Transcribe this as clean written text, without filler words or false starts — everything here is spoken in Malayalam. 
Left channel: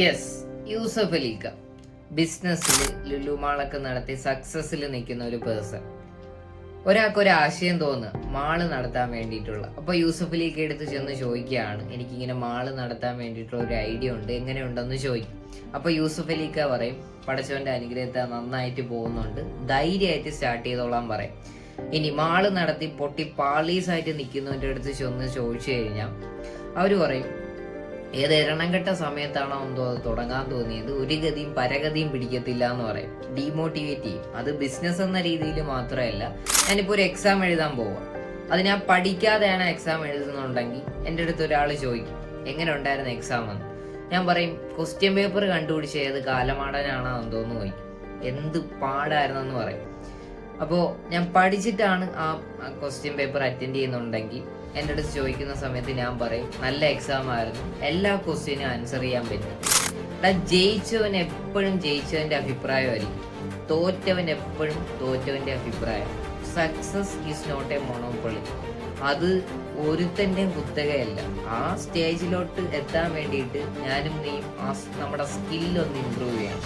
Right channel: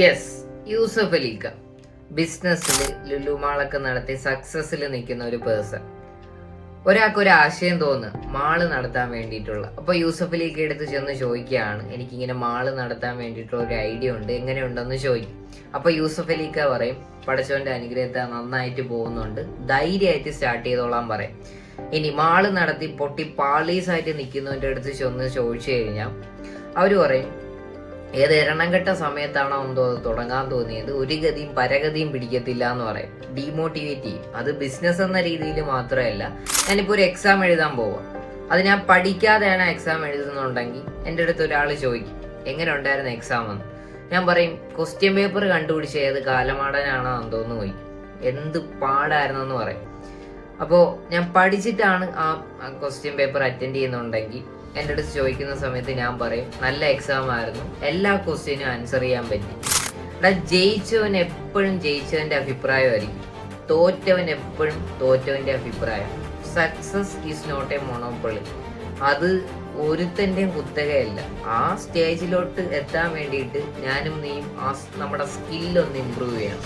യെസ്, യൂസഫ് അലിക്ക ബിസിനസ്സിൽ ലുലുമാളൊക്കെ നടത്തി സക്സസ്സിൽ നിൽക്കുന്ന ഒരു പേഴ്സൺ. ഒരാൾക്ക് ഒരു ആശയം തോന്നുക മാള് നടത്താൻ വേണ്ടിയിട്ടുള്ള. അപ്പോൾ യൂസഫ് അലിക്ക എടുത്ത് ചെന്ന് ചോദിക്കുകയാണ്, എനിക്കിങ്ങനെ മാള് നടത്താൻ വേണ്ടിയിട്ടുള്ള ഒരു ഐഡിയ ഉണ്ട്, എങ്ങനെയുണ്ടെന്ന് ചോദിക്കും. അപ്പോൾ യൂസഫ് അലിക്ക പറയും, പടച്ചവന്റെ അനുഗ്രഹത്തെ നന്നായിട്ട് പോകുന്നുണ്ട്, ധൈര്യമായിട്ട് സ്റ്റാർട്ട് ചെയ്തോളാൻ പറയും. ഇനി മാള് നടത്തി പൊട്ടി പാളീസായിട്ട് നിൽക്കുന്നവൻ്റെ അടുത്ത് ചെന്ന് ചോദിച്ചു കഴിഞ്ഞാൽ അവർ പറയും, ഏത് എണ്ണംകെട്ട സമയത്താണോ എന്തോ തുടങ്ങാൻ തോന്നിയത്, ഒരു ഗതിയും പരഗതിയും പിടിക്കത്തില്ല എന്ന് പറയും. ഡീമോട്ടിവേറ്റ് ചെയ്യും. അത് ബിസിനസ് എന്ന രീതിയിൽ മാത്രമല്ല, ഞാനിപ്പോൾ ഒരു എക്സാം എഴുതാൻ പോവാം, അത് ഞാൻ പഠിക്കാതെയാണ് എക്സാം എഴുതുന്നുണ്ടെങ്കിൽ എൻ്റെ അടുത്ത് ഒരാൾ ചോദിക്കും, എങ്ങനെ ഉണ്ടായിരുന്നു എക്സാം എന്ന്. ഞാൻ പറയും, ക്വസ്റ്റ്യൻ പേപ്പർ കണ്ടുപിടിച്ച് ഏത് കാലമാടനാണോ എന്തോന്ന് ചോദിക്കും, എന്ത് പാടായിരുന്നെന്ന് പറയും. അപ്പോൾ ഞാൻ പഠിച്ചിട്ടാണ് ആ ക്വസ്റ്റ്യൻ പേപ്പർ അറ്റൻഡ് ചെയ്യുന്നുണ്ടെങ്കിൽ എൻ്റെ അടുത്ത് ചോദിക്കുന്ന സമയത്ത് ഞാൻ പറയും, നല്ല എക്സാം ആയിരുന്നു, എല്ലാ ക്വസ്റ്റ്യനും ആൻസർ ചെയ്യാൻ പറ്റി. ജയിച്ചവൻ എപ്പോഴും ജയിച്ചവൻ്റെ അഭിപ്രായമായിരിക്കും, തോറ്റവൻ എപ്പോഴും തോറ്റവൻ്റെ അഭിപ്രായം. Success is not a monopoly. അത് ഒരുത്തൻ്റെയും കുത്തകയല്ല. ആ സ്റ്റേജിലോട്ട് എത്താൻ വേണ്ടിയിട്ട് ഞാനും നീയും നമ്മുടെ സ്കില്ലൊന്ന് ഇമ്പ്രൂവ് ചെയ്യണം.